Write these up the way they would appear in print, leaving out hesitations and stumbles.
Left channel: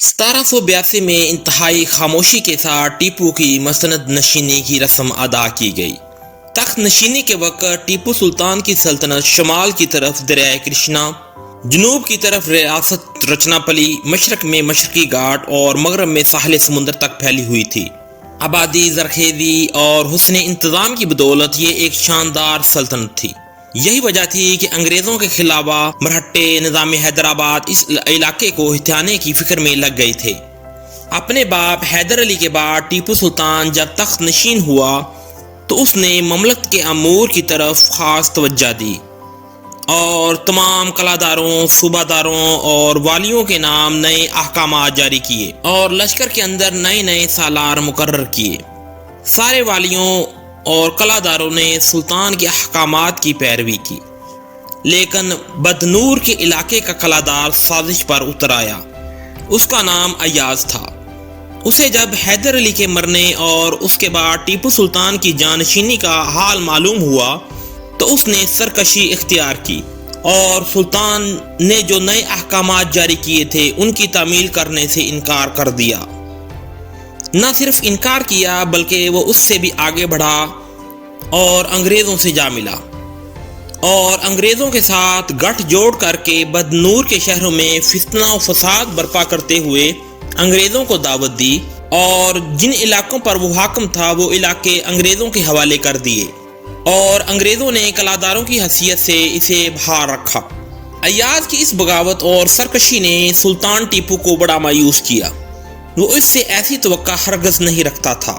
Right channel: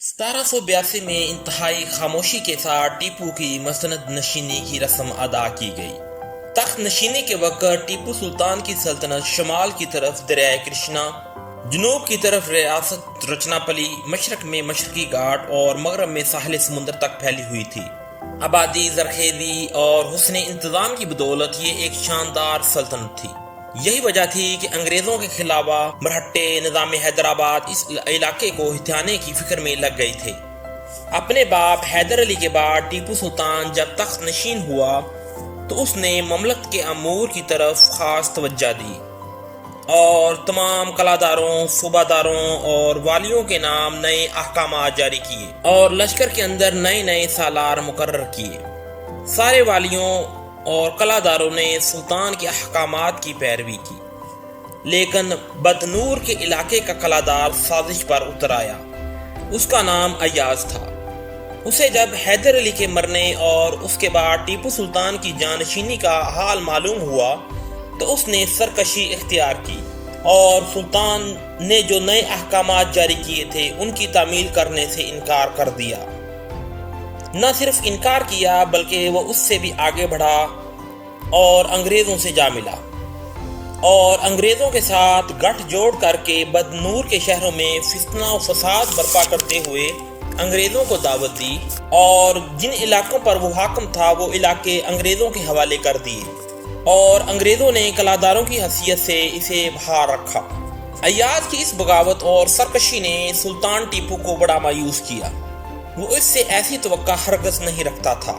1782 میں انتہائی خاموشی کے ساتھ ٹیپو کی مسند نشینی کی رسم ادا کی گئی۔ تخت نشینی کے وقت ٹیپو سلطان کی سلطنت شمال کی طرف دریائے کرشنا، جنوب کی طرف ریاست رچناپلی، مشرق میں مشرقی گھاٹ اور مغرب میں ساحل سمندر تک پھیلی ہوئی تھی۔ آبادی، زرخیزی اور حسن انتظام کی بدولت یہ ایک شاندار سلطنت تھی۔ یہی وجہ تھی کہ انگریزوں کے خلاف مرہٹے نظام حیدرآباد اس علاقے کو ہتھیانے کی فکر میں لگ گئے تھے۔ اپنے باپ حیدر علی کے بعد ٹیپو سلطان جب تخت نشین ہوا تو اس نے مملکت کے امور کی طرف خاص توجہ دی اور تمام قلعہ صوبہ داروں اور والیوں کے نام نئے احکامات جاری کیے اور لشکر کے اندر نئے سالار مقرر کیے۔ سارے والیوں اور قلعہ داروں نے سلطان کے احکامات کی پیروی کی، لیکن بدنور کے علاقے کا قلعہ دار سازش پر اتر آیا۔ اس کا نام ایاز تھا۔ اسے جب حیدر علی کے مرنے اور اس کے بعد ٹیپو سلطان کی جانشینی کا حال معلوم ہوا تو اس نے سرکشی اختیار کی اور سلطان نے جو نئے احکامات جاری کیے تھے ان کی تعمیل کرنے سے انکار کر دیا۔ نہ صرف انکار کیا بلکہ وہ اس سے بھی آگے بڑھا اور انگریزوں سے جا ملا اور انگریزوں کے ساتھ گٹھ جوڑ کر کے بدنور کے شہروں میں فتنہ و فساد برپا کرتے ہوئے انگریزوں کو دعوت دی اور جن علاقوں پر وہ حاکم تھا وہ علاقے انگریزوں کے حوالے کر دیے اور انگریزوں نے قلعہ داروں کی حیثیت سے اسے بحال رکھا۔ ایاز کی اس بغاوت اور سرکشی نے سلطان ٹیپو کو بڑا مایوس کیا۔ وہ اس سے ایسی توقع ہرگز نہیں رکھتا تھا۔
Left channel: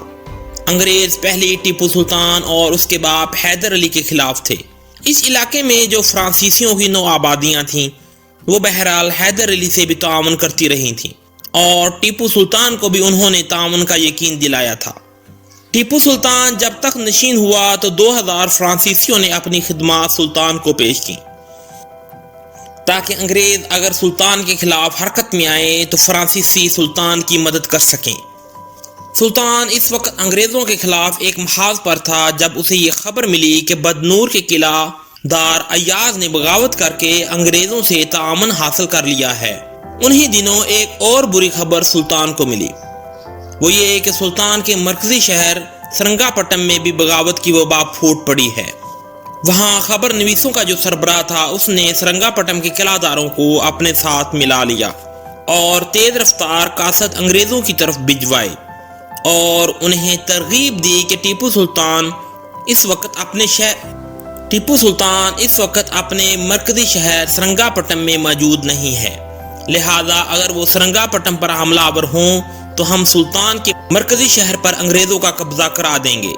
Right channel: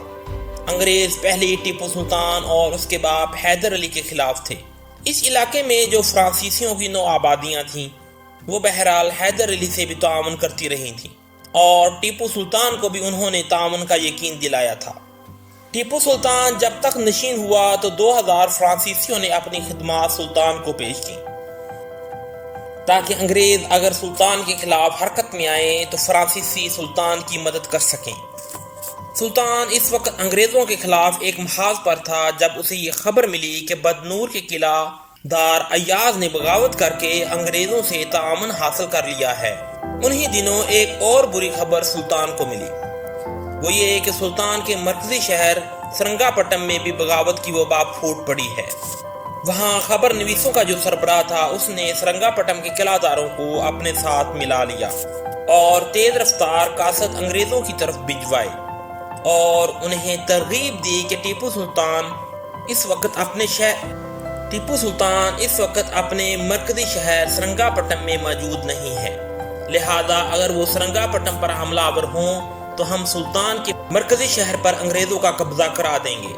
انگریز پہلے ٹیپو سلطان اور اس کے باپ حیدر علی کے خلاف تھے۔ اس علاقے میں جو فرانسیسیوں کی نو آبادیاں تھیں وہ بہرحال حیدر علی سے بھی تعاون کرتی رہی تھیں اور ٹیپو سلطان کو بھی انہوں نے تعاون کا یقین دلایا تھا۔ ٹیپو سلطان جب تک نشین ہوا تو 2000 فرانسیسیوں نے اپنی خدمات سلطان کو پیش کی تاکہ انگریز اگر سلطان کے خلاف حرکت میں آئے تو فرانسیسی سلطان کی مدد کر سکیں۔ سلطان اس وقت انگریزوں کے خلاف ایک محاذ پر تھا جب اسے یہ خبر ملی کہ بدنور کے قلعہ دار ایاز نے بغاوت کر کے انگریزوں سے تعاون حاصل کر لیا ہے۔ انہی دنوں ایک اور بری خبر سلطان کو ملی، وہ یہ کہ سلطان کے مرکزی شہر سرنگا پٹم میں بھی بغاوت کی وبا پھوٹ پڑی ہے۔ وہاں خبر نویسوں کا جو سربراہ تھا اس نے سرنگا پٹم کے قلعہ داروں کو اپنے ساتھ ملا لیا اور تیز رفتار قاصد انگریزوں کی طرف بھجوائے اور انہیں ترغیب دی کہ ٹیپو سلطان اس وقت اپنے مرکزی شہر سرنگا پٹم میں موجود نہیں ہے، لہذا اگر وہ سرنگا پٹم پر حملہ آور ہوں تو ہم سلطان کے مرکزی شہر پر انگریزوں کا قبضہ کرا دیں گے۔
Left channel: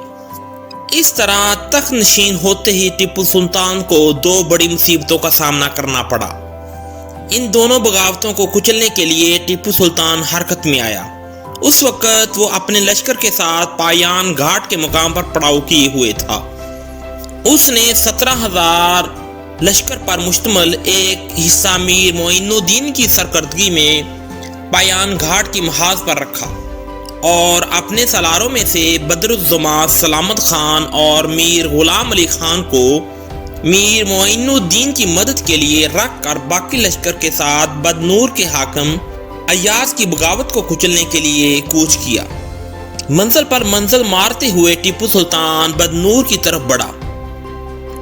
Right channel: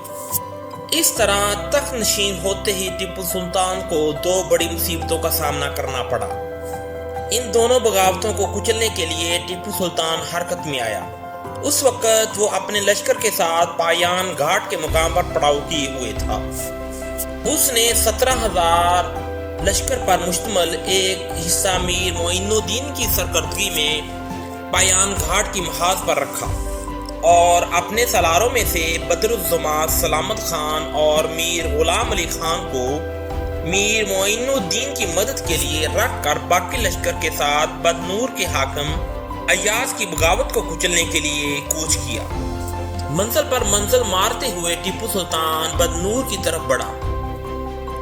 اس طرح تخت نشین ہوتے ہی ٹیپو سلطان کو 2 بڑی مصیبتوں کا سامنا کرنا پڑا۔ ان دونوں بغاوتوں کو کچلنے کے لیے ٹیپو سلطان حرکت میں آیا۔ اس وقت وہ اپنے لشکر کے ساتھ پایان گھاٹ کے مقام پر پڑاؤ کیے ہوئے تھا۔ اس نے 17,000 لشکر پر مشتمل ایک حصہ میر معین الدین کی سرکردگی میں پایان گھاٹ کی محاذ پر رکھا اور اپنے سالاروں میں سے بدر الزما سلامت خان اور میر غلام علی خان کو میر معین الدین کی مدد کے لیے رکھ کر باقی لشکر کے ساتھ بدنور کے حاکم ایاز کی بغاوت کو کچلنے کے لیے کوچ کیا۔ منزل پر منزل مارتے ہوئے ٹیپو سلطان بدنور کی طرف بڑھا۔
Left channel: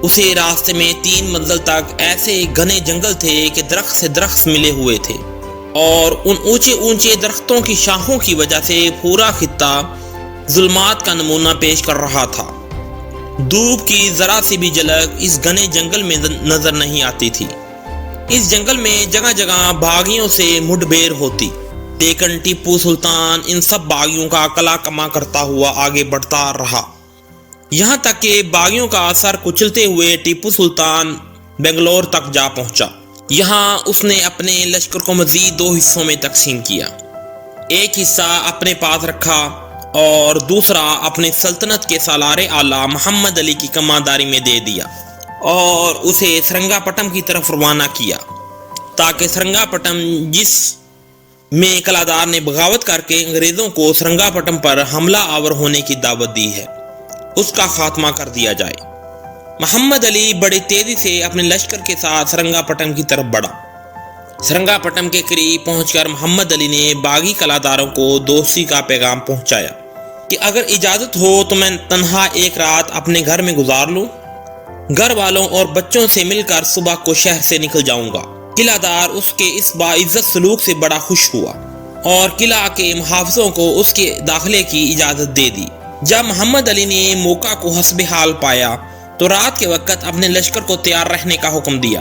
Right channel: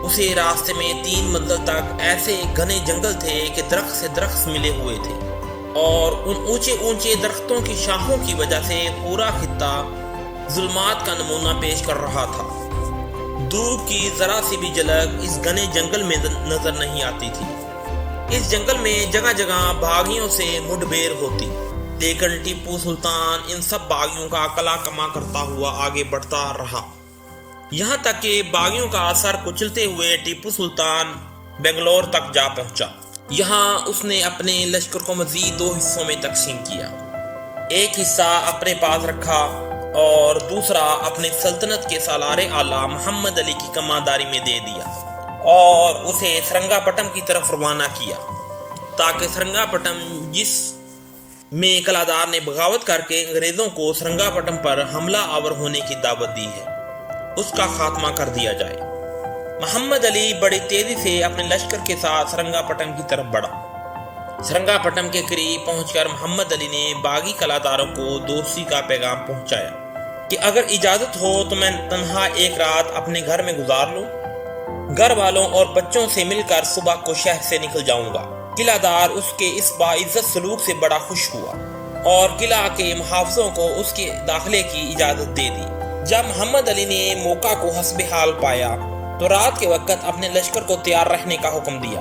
اسے راستے میں 3 منزل تک ایسے گھنے جنگل تھے کہ درخت سے درخت ملے ہوئے تھے اور ان اونچے درختوں کی شاخوں کی وجہ سے پورا خطہ ظلمات کا نمونہ پیش کر رہا تھا۔ دھوپ کی ذرا سی بھی جھلک اس گھنے جنگل میں نظر نہیں آتی تھی۔ اس جنگل میں جگہ جگہ باغیوں سے مڈ بھیڑ ہوتی، لیکن ٹیپو سلطان ان سب باغیوں کا قلع کما کرتا ہوا آگے بڑھتا رہا، یہاں تک کہ باغیوں کا اثر کچلتے ہوئے ٹیپو سلطان بنگلور تک جا پہنچا۔ یہاں اس نے اپنے لشکر کو مزید 2 حصوں میں تقسیم کیا، ایک حصہ اپنے پاس رکھا اور دوسرا اپنے سلطنت کے سالار اعلیٰ محمد علی کی کمانداری میں دے دیا اور اسے سرنگا پٹم کی طرف روانہ کیا تاکہ سرنگا پٹم، جس میں قلعہ دار نے بغاوت کر کے انگریزوں کو سرنگا پٹم پر حملہ آور ہونے کی دعوت دی ہے، اس کا خاتمہ کر دیا جائے۔ محمد علی بڑی تیزی سے اپنے لشکر کے ساتھ سرنگا پٹم کی طرف بڑھا۔ سرنگا پٹم کے قریب پہنچ کر محمد علی نے باغی قلعہداروں کو دوستی کا پیغام پہنچایا کہ اگر اجازت ہو تو میں تنہا ایک رات اپنے گھر میں گزار لوں، گھر والوں اور بچوں سے مل کر صبح کو شہر سے نکل جاؤں گا۔ قلعہ دار اس کے اس باعزت سلوک سے بڑا خوش ہوا اور قلعہ کے محافظوں کو اس کے داخلے کی اجازت دے دی۔ جب محمد علی نے موقع کو حسب حال پایا تو رات کے وقت اپنے لشکر کو تیار رہنے کا حکم دیا۔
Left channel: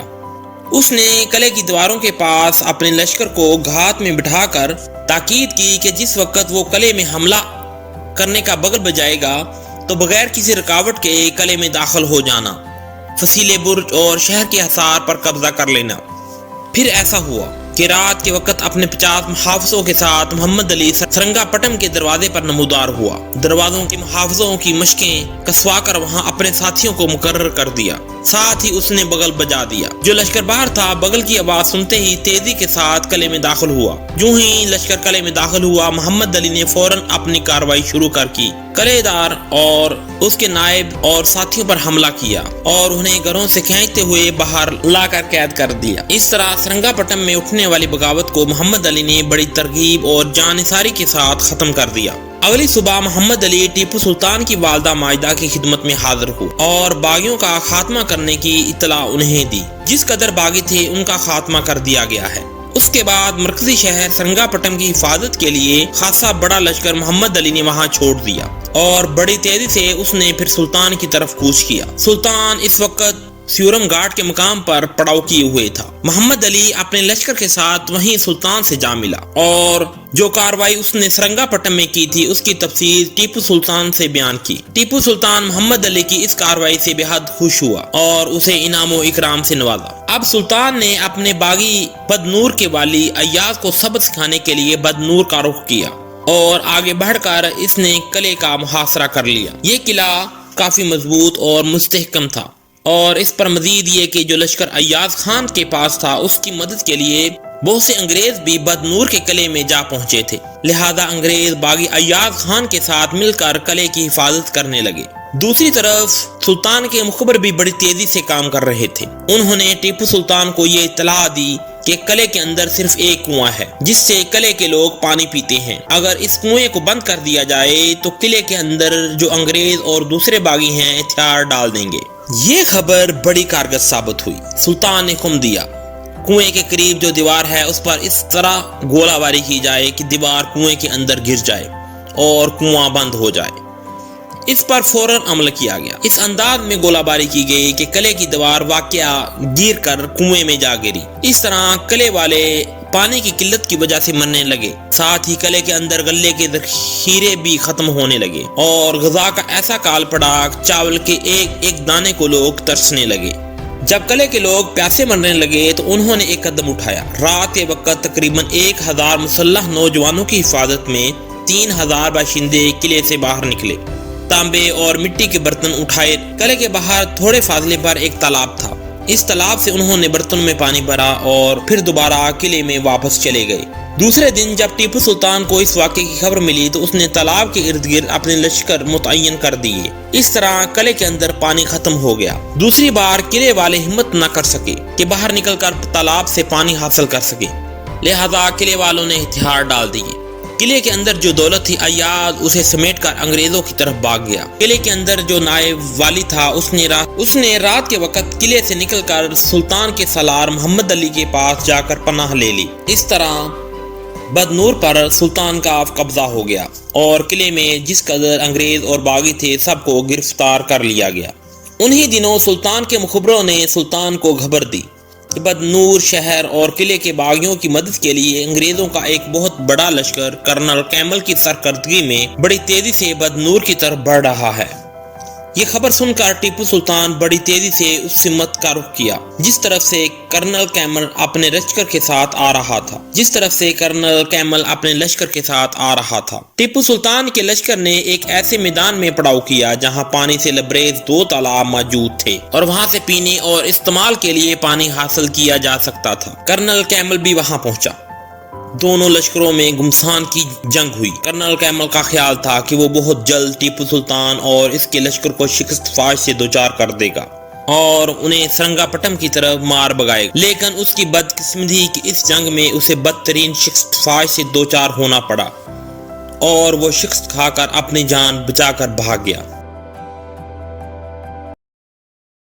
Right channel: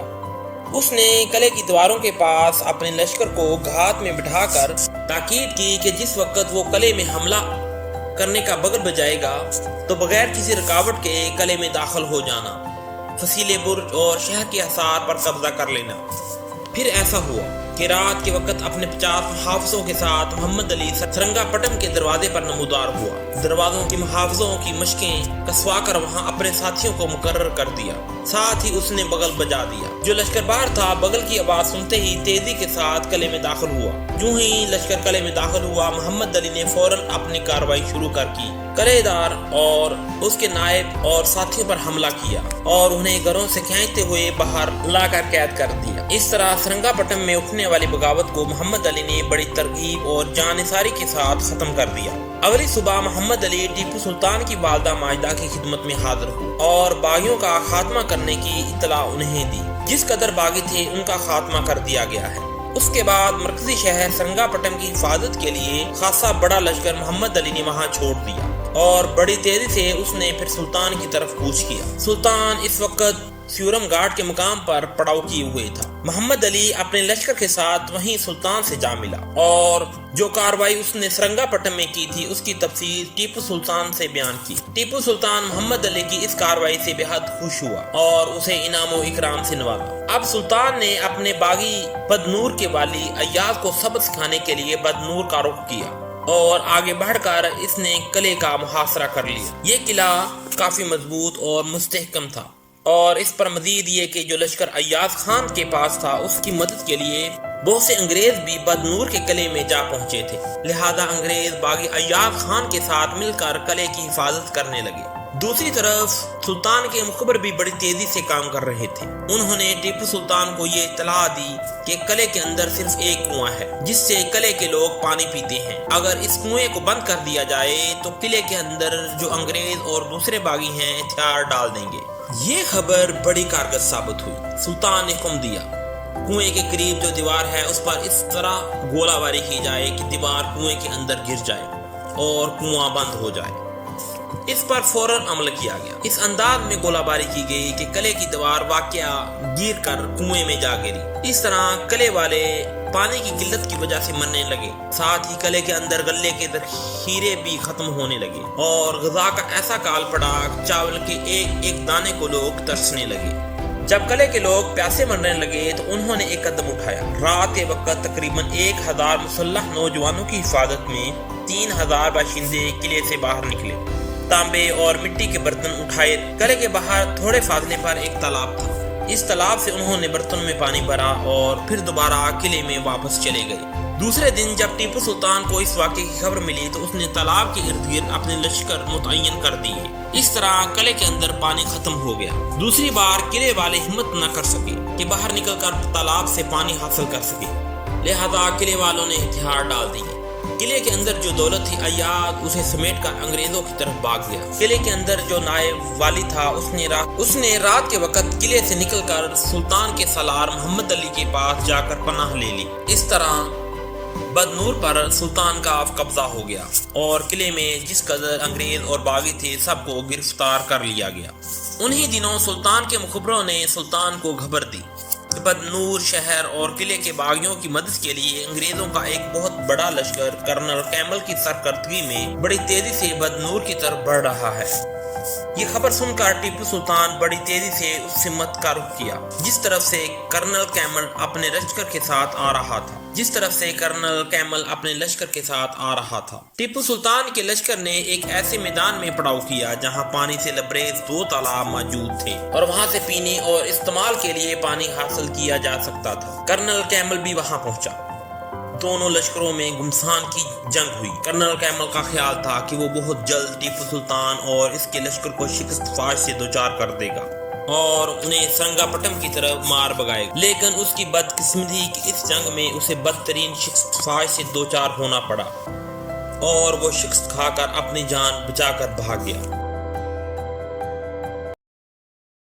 اس نے قلعے کی دیواروں کے پاس اپنے لشکر کو گھات میں بٹھا کر تاکید کی کہ جس وقت وہ قلعے میں حملہ کرنے کا بگل بجائے گا تو بغیر کسی رکاوٹ کے قلعے میں داخل ہو جانا، فصیل برج اور شہر کے حصار پر قبضہ کر لینا۔ پھر ایسا ہوا کہ رات کے وقت اپنے 50 محافظوں کے ساتھ محمد علی سرنگا پٹم کے دروازے پر نمودار ہوا۔ دروازوں کے محافظوں کی مشقیں کسوا کر وہاں اپنے ساتھیوں کو مقرر کر دیا، ساتھ ہی اس نے بغل بجا دیا۔ جو لشکر باہر تھا بغل کی آواز سنتے ہی تیزی کے ساتھ قلعے میں داخل ہوا۔ جو ہی لشکر قلعے میں داخل ہوا، محمد علی نے فوراً اپنی کارروائی شروع کر کی۔ قلعے دار اور اس کے نائب اور ساتھیوں پر حملہ کیا اور انہیں گھروں سے کھینچتے ہوئے باہر لا کر قید کر دیا۔ اس طرح سرنگا پٹم میں اٹھنے والی بغاوت کو محمد علی نے بڑی ترغیب اور جانثاری کے ساتھ ختم کر دیا۔ اگلی صبح محمد علی ٹیپو سلطان کی والدہ ماجدہ کی خدمت میں حاضر ہوئے اور باغیوں کا خاتمہ کرنے کی اطلاع انہیں دی۔ جس قدر باغی تھے ان کا خاتمہ کر دیا گیا ہے۔ اس کے بعد مرکزی شہر سرنگا پٹم کی حفاظت کے لیے خاصا بڑا لشکر محمد علی نے وہاں چھوڑ دیا اور بڑی تیزی سے اس نے پھر سلطان کی طرف کوچ کیا۔ سلطان اس وقت سیورم گھاٹ کے مقام پر پڑاؤ کیے ہوئے تھا۔ محمد علی اپنے لشکر کے ساتھ وہیں سلطان سے جا ملا اور جو کاروائی اس نے سرنگا پٹم میں کی تھی اس کی تفصیل ٹیپو سلطان سے بیان کی۔ ٹیپو سلطان محمد علی کی اس کاروائی سے بے حد خوش ہوا اور اسے انعام و اکرام سے نوازا۔ اب سلطان نے اپنے باغی بدنور کے والی ایاز کو سبق سکھانے کے لیے بدنور کا رخ کیا اور آگے بڑھ کر اس نے قلعے کا محاصرہ کر لیا۔ یہ قلعہ کافی مضبوط اور مستحکم تھا اور اس پر مزید یہ کہ جو لشکر ایاز خان کے پاس تھا اس کی مدد کے لیے بہت سے انگریز بھی بدنور کے قلعے میں جا پہنچے تھے، لہذا انگریز باغی ایاز خان کے ساتھ مل کر قلعے کی حفاظت کرنے لگے۔ دوسری طرف سلطان کے مخبر بھی بڑی تیزی سے کام کر رہے تھے۔ انہوں نے ٹیپو سلطان کو یہ اطلاع دی کہ قلعے کے اندر صرف ایک کنواں ہے جس سے قلعے کے لوگ پانی پیتے ہیں۔ اگر اس کنویں کو بند کر دیا جائے تو قلعے کے اندر جو انگریز اور دوسرے باغی ہیں ہتھیار ڈال دیں گے۔ یہ خبر بڑی کارگر ثابت ہوئی۔ سلطان نے حکم دیا کنویں کے قریب جو دیوار ہے اس پر اس طرح گولہ باری کی جائے کہ دیوار کنویں کے اندر گر جائے اور کنواں بند ہو جائے۔ اس پر فوراً عمل کیا گیا۔ اس انداز میں گولہ باری کی گئی کہ قلعے کی دیوار واقعہ گر کر کنویں میں جا گری۔ اس طرح قلعے والے پانی کی قلت کی وجہ سے مرنے لگے، ساتھ ہی قلعے کے اندر غلے کے ذخیرے بھی ختم ہونے لگے اور غذا کا ایسا کال پڑا چاول کے ایک ایک دانے کو لوگ ترسنے لگے۔ جب قلعے کے لوگ پیاسے مرنے لگے تو انہوں نے ایک قدم اٹھایا۔ رات کے وقت تقریباً 1000 مسلح نوجوانوں کی حفاظت میں 3000 باشندے قلعے سے باہر نکلے۔ تانبے اور مٹی کے برتن اٹھائے۔ قلعے کے باہر تھوڑے فاصلے پر ایک تالاب تھا۔ اس تالاب سے انہوں نے برتنوں میں پانی بھرا اور پھر دوبارہ قلعے میں واپس چلے گئے۔ دوسرے دن جب ٹیپو سلطان کو اس واقعے کی خبر ملی تو اس نے تالاب کے ارد گرد اپنے لشکر متعین کر دیے۔ اس طرح قلعے کے اندر پانی ختم ہو گیا۔ دوسری بار قلعے والے ہمت نہ کر سکے کہ باہر نکل کر تالاب سے پانی حاصل کر سکے، لہذا قلعے والوں نے ہتھیار ڈال دیے۔ قلعے کے اندر جو دولت تھی ایاز اسے سمیٹ کر انگریزوں کی طرف بھاگ گیا۔ قلعے کے اندر جو نائب والی تھا اس نے رات کے وقت قلعے سے نکل کر سلطان کے سالار محمد علی کے پاس جا کر پناہ لے لی۔ اس طرح بدنور پر سلطان کا قبضہ ہو گیا اور قلعے میں جس قدر انگریز اور باغی تھے سب کو گرفتار کر لیا گیا۔ انہی دنوں سلطان کے مخبروں نے سلطان کو خبر دی کہ بدنور شہر اور قلعے کے باغیوں کی مدد کے لیے انگریزوں کا ایک بہت بڑا لشکر کرنل کیمل کی سرکردگی میں بڑی تیزی سے بدنور کی طرف بڑھ رہا ہے۔ یہ خبر سن کر ٹیپو سلطان بڑی تیزی سے اس سمت کا رخ کیا جس طرف سے کرنل کیمل اپنے لشکر کے ساتھ آ رہا تھا۔ ٹیپو سلطان کے لشکر نے ایک ایسے میدان میں پڑاؤ کیا جہاں پانی سے لبریز 2 تالاب موجود تھے اور وہاں سے پینے اور استعمال کے لیے پانی حاصل کیا جا سکتا تھا۔ کرنل کیمل بھی وہاں پہنچا۔ دونوں لشکروں میں گھمسان کی جنگ ہوئی۔ کرنل کیمل کا خیال تھا کہ وہ بہت جلد ٹیپو سلطان اور اس کے لشکر کو شکست فاش سے دوچار کر دے گا، اور انہیں سرنگاپٹم کی طرف مار بگائے، لیکن اس کی بدقسمتی کہ اس جنگ میں اسے بدترین شکست فوج سے دوچار ہونا پڑا اور وہ شکست کھا کر اپنی جان بچا کر بھاگ گیا۔